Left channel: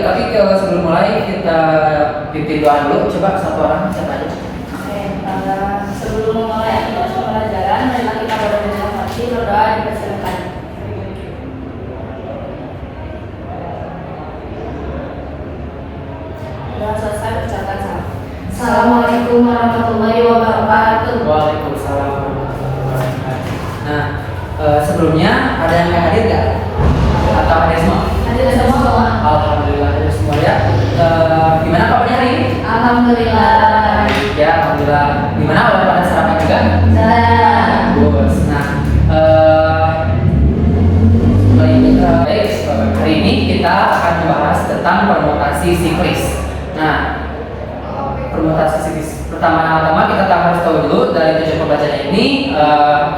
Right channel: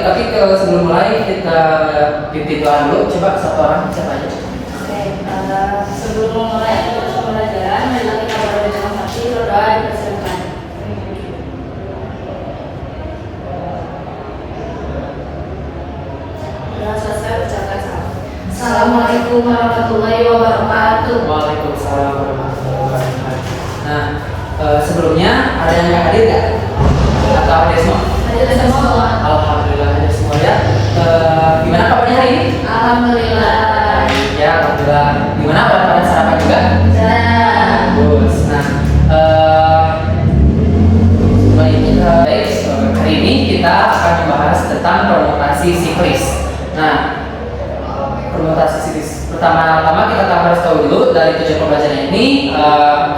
tapi sebelum mulai kita pimpin doa dulu. Coba satu orang siapa aja? Oke, sebelum memulai pembelajaran, marilah kita berdoa hati, berdoa dipersilakan. Sudah selesai ucapkan salam. Assalamualaikum warahmatullahi wabarakatuh. Waalaikumsalam warahmatullahi wabarakatuh. Nah, sebelumnya ada yang hadir nggak? Atau ada semua? Hadir semua, Bapak. Alhamdulillah hadir semua ya. Gimana kabarnya hari ini? Alhamdulillah. Ya, alhamdulillah. Gimana pada sarapan juga? Bagus. Nah, baik, hari ini kita akan membahas tentang permutasi siklis. Nah, permutasi siklis. Pertama-tama kita harus tahu dulu dari tujuan pembelajaran ini,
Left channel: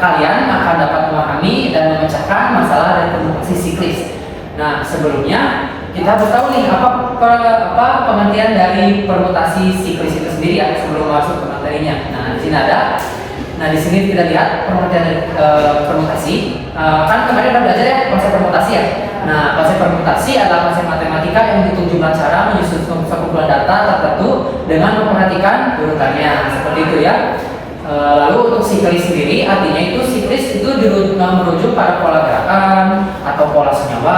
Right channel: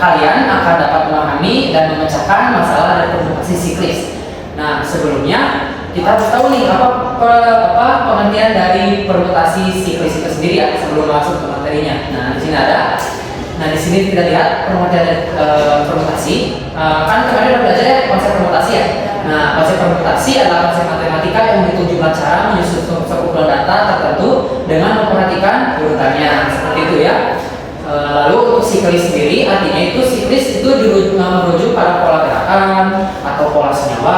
kalian akan dapat memahami dan memecahkan masalah dari permutasi siklis. Nah, sebelumnya kita harus tahu nih apa pengertian dari permutasi siklis itu sendiri ya, sebelum masuk ke materinya. Nah, di sini ada. Nah, di sini kita lihat pengertian dari permutasi. Kan kemarin udah belajar ya konsep permutasi ya. Nah, konsep permutasi adalah konsep matematika yang menghitung jumlah cara menyusun sekumpulan data tertentu dengan memperhatikan urutannya, seperti itu ya. Lalu untuk siklis sendiri, artinya itu siklis itu merujuk pada pola gerakan atau pola senyawa,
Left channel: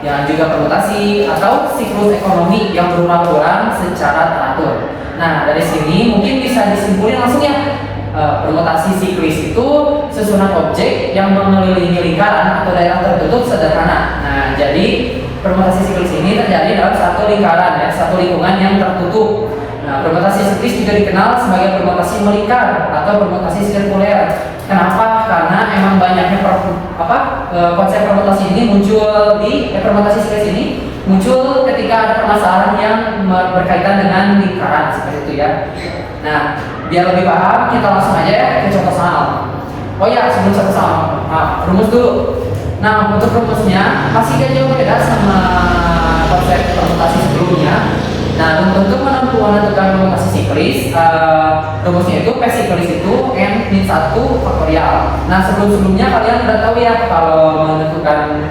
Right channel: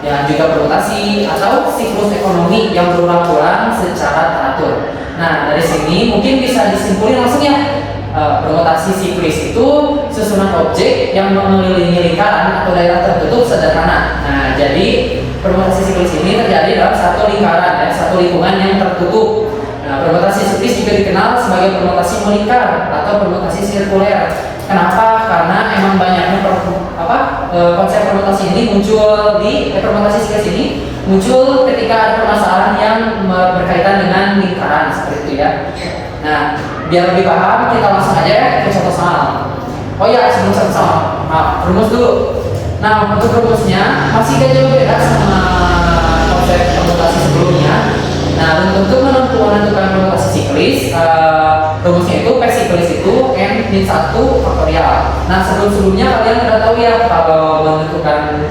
yang juga permutasi atau siklus ekonomi yang berulang-ulang secara teratur. Nah, dari sini mungkin bisa disimpulkan langsung ya. Permutasi siklis itu susunan objek yang mengelilingi lingkaran atau daerah tertutup sederhana. Nah, jadi permutasi siklis ini terjadi dalam satu lingkaran ya, satu lingkungan yang tertutup. Nah, permutasi siklis juga dikenal sebagai permutasi melingkar atau permutasi sirkuler. Kenapa? Karena emang banyaknya konsep permutasi ini muncul di permutasi siklis ini muncul ketika ada permasalahan yang berkaitan dengan lingkaran seperti itu ya. Nah, biar lebih paham kita langsung aja ya ke contoh soal. Oh ya, sebelum contoh soal, rumus dulu. Nah, untuk rumusnya masih gak jauh beda sama konsep permutasi sebelumnya. Nah, untuk menentukan permutasi siklis, rumusnya itu P siklis itu N-1 faktorial. Nah, sebelumnya kalian udah tahu ya kalau menentukan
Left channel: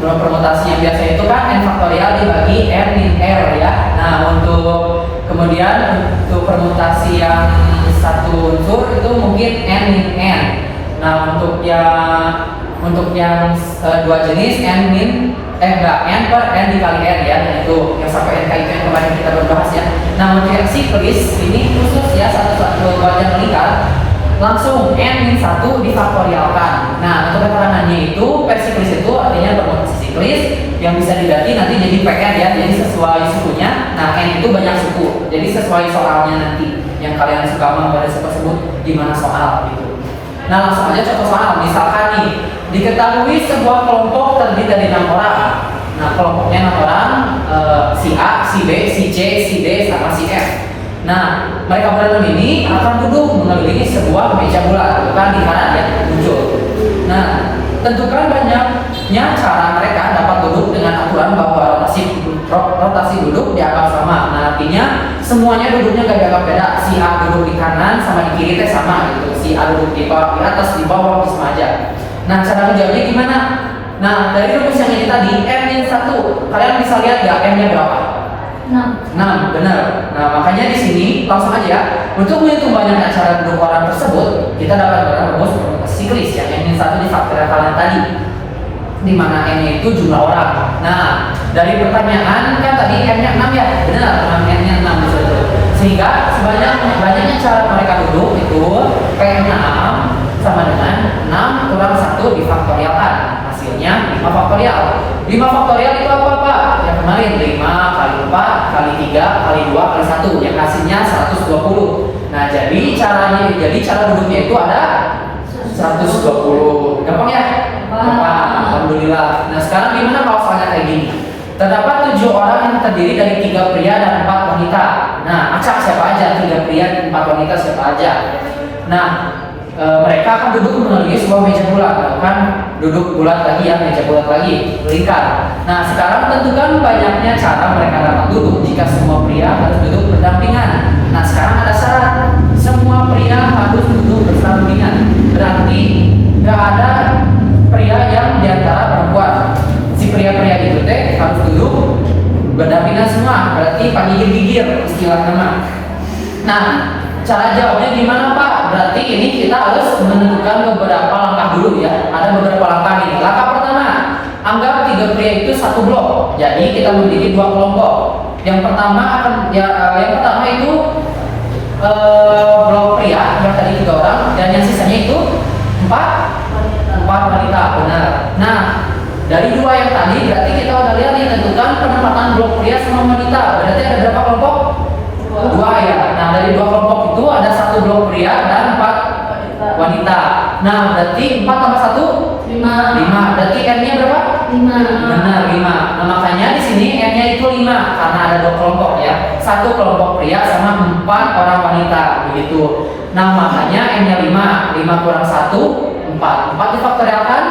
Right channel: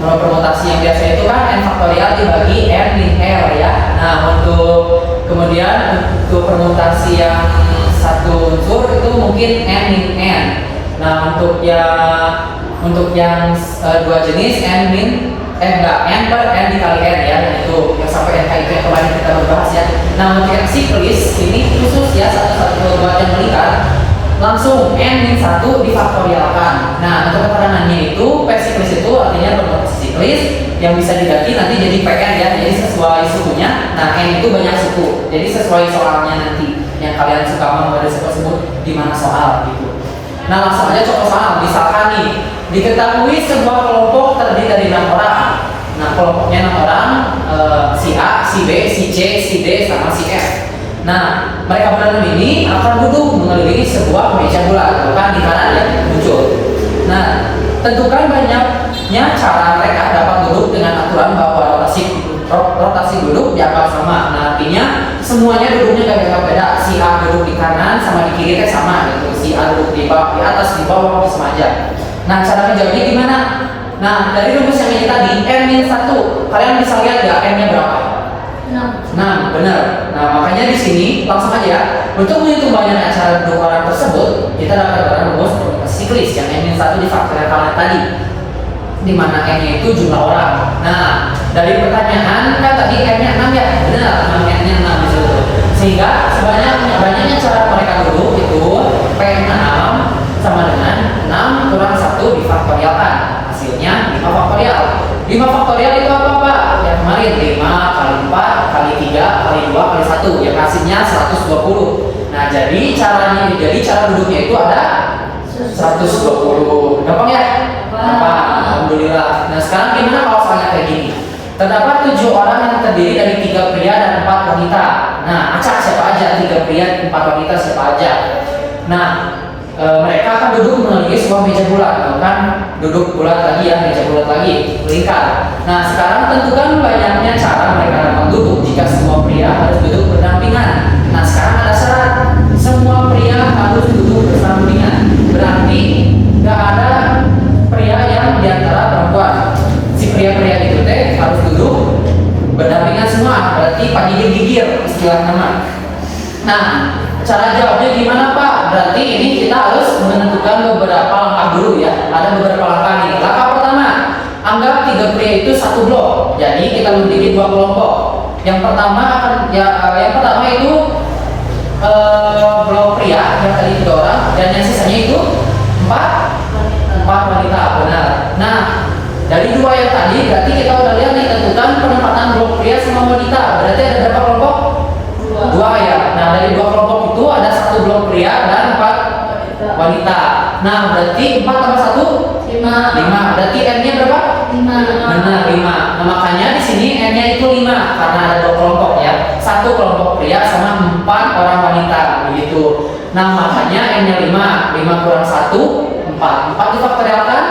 permutasi yang biasa itu kan N faktorial dibagi N min R ya. Nah, kemudian untuk permutasi yang satu unsur itu mungkin N min N. Nah, untuk yang dua jenis N per N dikali N ya, yaitu yang sampai NK itu yang kemarin kita bahas ya. Nah, untuk yang siklis ini khusus ya 1, 1, 2, 2 yang melingkar langsung N-1 difaktorialkan. Nah, untuk keterangannya itu P siklis itu artinya permutasi siklis yang bisa diganti nanti jadi PN ya, jadi sesuai sukunya. Nah, N itu banyak suku, jadi sesuai soalnya nanti yang kalian suka membaca sebut di mana soal gitu. Nah, langsung aja contoh soal. Misalkan nih, diketahui sebuah kelompok terdiri dari 6 orang. Nah, kelompoknya 6 orang, si A, si B, si C, si D, sama si F. Nah, mereka berenam ini akan duduk mengelilingi sebuah meja bulat, bukan di kanan yang muncul. Nah, tentukan banyaknya cara mereka dapat duduk dengan aturan bahwa rotasi duduk dianggap sama. Nah, artinya semuanya duduknya gak dianggap beda. Si A duduk di kanan sama di kiri sama gitu. Si A duduk di atas di bawah sama aja. Nah, cara menjawabnya gimana? Nah, dari rumus yang ini tadi N-1, kalian bisa lihat ya M-nya berapa? 6, benar. Nah, makanya di sini langsung aja ya. Untuk menghitung banyaknya cara duduk orang tersebut, kita dapat rumus siklis yang N-1 difaktorialkan tadi, di mana N-nya itu jumlah orang. Nah, dari pertanyaan kan tadi N-nya 6 ya, benar, N-nya 6 bisa tuh. Sehingga banyaknya cara mereka duduk itu P6 sama dengan 6 kurang 1 difaktorialkan. Hasilnya 5 faktorial. 5 faktorial itu apa Pak? Yang kemarin 5 kali 4 kali 3 kali 2 kali 1 yang hasilnya 120. Nah, jadi cara duduknya itu ada 120. Gampang ya? Gampang. Alhamdulillah. Nah, sekarang gimana kalau soalnya kayak gini? Terdapat 7 orang yang terdiri dari 3 pria dan 4 wanita. Nah, acak siapa aja? 3 pria dan 4 wanita siapa aja? Nah, mereka akan duduk mengelilingi sebuah meja bulat, kan duduk bulat lagi ya, meja bulat lagi, melingkar. Nah, sekarang tentukan banyaknya cara mereka dapat duduk jika semua pria harus duduk berdampingan. Nah, sekarang ada syarat, semua pria harus duduk berdampingan. Berarti nggak ada pria yang diantara perempuan. Si pria-pria berarti Pak gigir-gigir istilah nama. Nah, cara jawabnya gimana Pak? Berarti ini kita harus menentukan beberapa langkah dulu ya. Ada beberapa langkah nih. Langkah pertama, anggap 3 pria itu satu blok. Jadi kita bagi 2 kelompok. Yang pertama itu blok pria yang tadi 3 orang dan yang sisanya itu 4 wanita. Benar. Nah, dari 2 yang tadi berarti kita udah lihat nih tentukan penempatan blok pria sama wanita. Berarti ada berapa kelompok? 2 ya. Nah, dari 2 kelompok itu ada 1 blok pria dan 4 wanita. Nah, berarti 4 tambah 1 5. Berarti N-nya berapa? 5. Benar, 5. Nah, makanya di sini N-nya itu 5 karena ada 2 kelompok ya. 1 kelompok pria sama 4 orang wanita begitu. Nah, makanya N-nya 5. 5 kurang 1 4. 4 difaktorialkan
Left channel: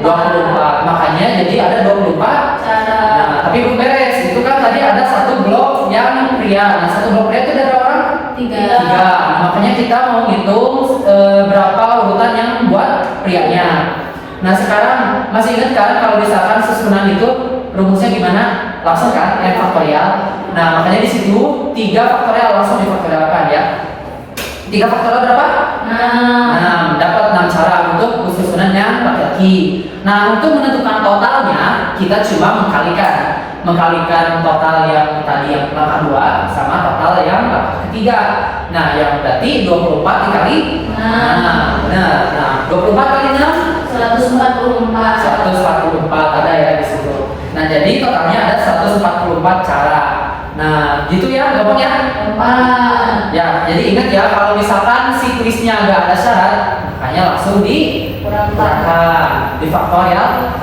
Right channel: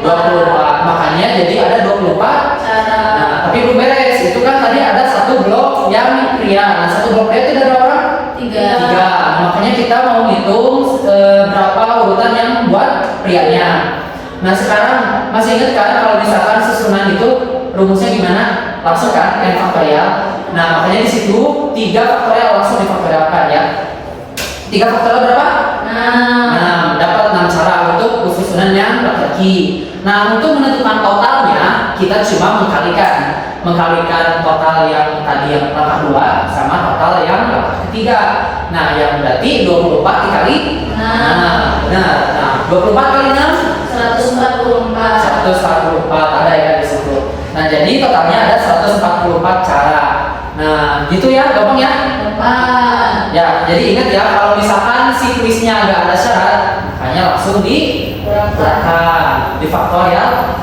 24. Makanya jadi ada 24. Nah, tapi belum beres. Itu kan tadi ada 1 blok yang pria. Nah, 1 blok pria itu ada berapa orang? 3. Nah, makanya kita mau hitung berapa urutan yang buat prianya. Nah, sekarang masih ingat kan kalau misalkan susunan itu rumusnya gimana? Langsung kan N faktorial. Nah, makanya di situ 3 faktorial langsung difaktorialkan ya. 3 faktorial berapa? 6. Dapat 6 cara untuk susunan yang laki-laki. Nah, untuk menentukan totalnya kita cuma mengkalikan total yang tadi yang langkah 2 sama total yang langkah ketiga. Nah, yang berarti 24 dikali. Nah, 24 kali 6 144 ada ya di situ. Nah, jadi totalnya ada 144 cara. Nah, gitu ya, gampang ya? Ya, jadi ingat ya kalau misalkan si kuisnya agak ada syarat, hanya langsung dikurangkan, difaktorial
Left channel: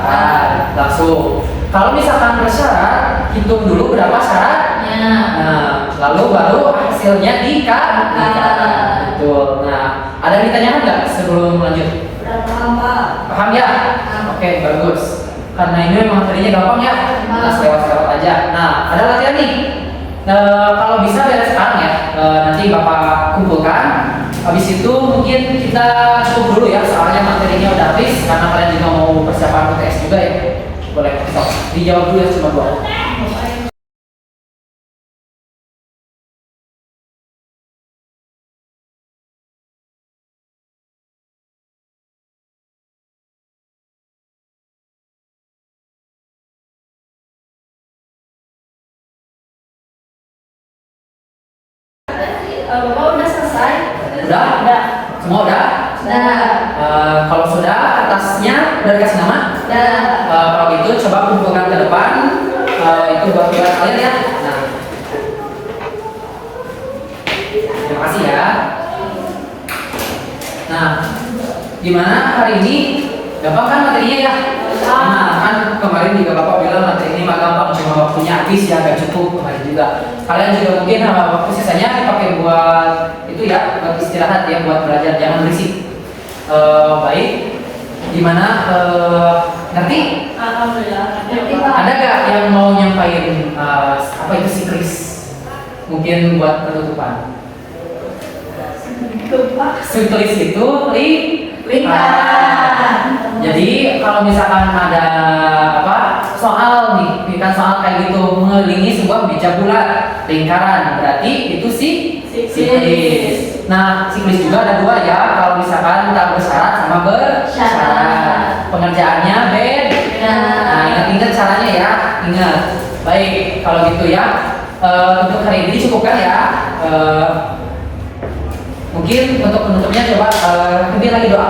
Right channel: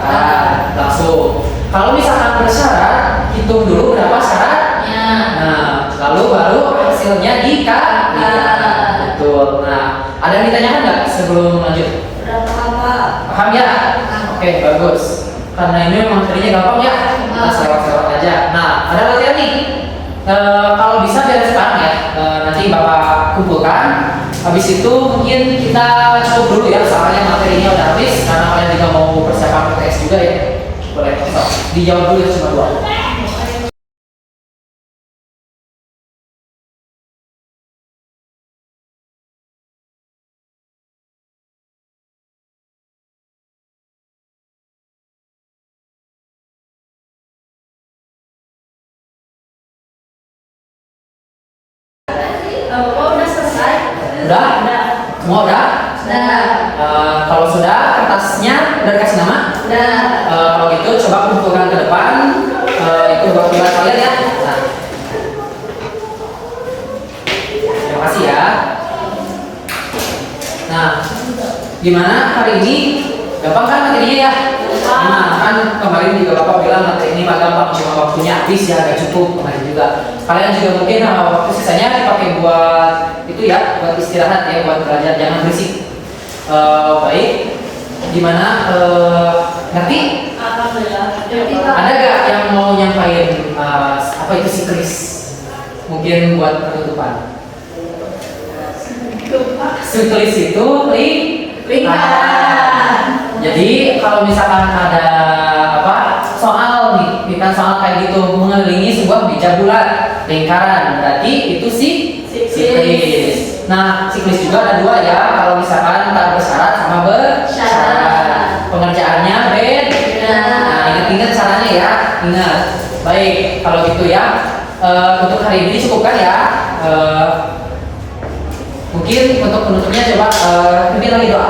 langsung. Kalau misalkan bersyarat, hitung dulu berapa syaratnya. Nah, lalu baru hasilnya dikalikan. Betul. Nah, ada yang ditanyakan nggak sebelum lanjut? Paham ya? Oke, bagus. Karena ini memang tadinya gampang ya. Kita lewat-lewat aja. Nah, ada latihan nih. Kalau bisa beres sekarang ya. Nanti Bapak kumpulkan. Habis itu mungkin kita cukup dulu ya. Soalnya materinya udah habis. Karena kalian juga mau persiapan UTS juga ya. Boleh stop. Dijawab dulu ya cuma 2. Bapak udah selesai? Udah? Semua udah? Kalau sudah, kertasnya udah dikasih nama? Kalau gitu coba kumpulkan ke depan. Itu buat kalian ya. Nah. Terima kasih ya. Nah, gimana hari ini? Gampang kan materinya ya? Nah, kan kemarin juga Bapak bilang materi ini mah gampang, cuma waktunya habis ya, gak cukup kemarin juga. Kalian juga mungkin waktu sisanya dipakai buat itu ya, buat istirahat ya, buat belajar, jangan berisik. Baik, gimana? Ngerti? Alhamdulillah. Ada gak yang mau nyampain apa itu sikris? Mungkin buat penutupan. Sikris itu lingkaran. Jadi kalau misalkan ada soal nih, kita soal kayak gitu mengelilingi sebuah meja bulat lingkaran, berarti itu siklis. Nah, siklis juga ada 2 ya. Kalau misalkan tak bersyarat sama bersyarat, pengerjaannya beda. Nah, ingat caranya ya, ingat. Baik, kalau gitu ya. Untuk hari ini cukupkan ya. Mungkin untuk penutupnya coba ini lagi doa.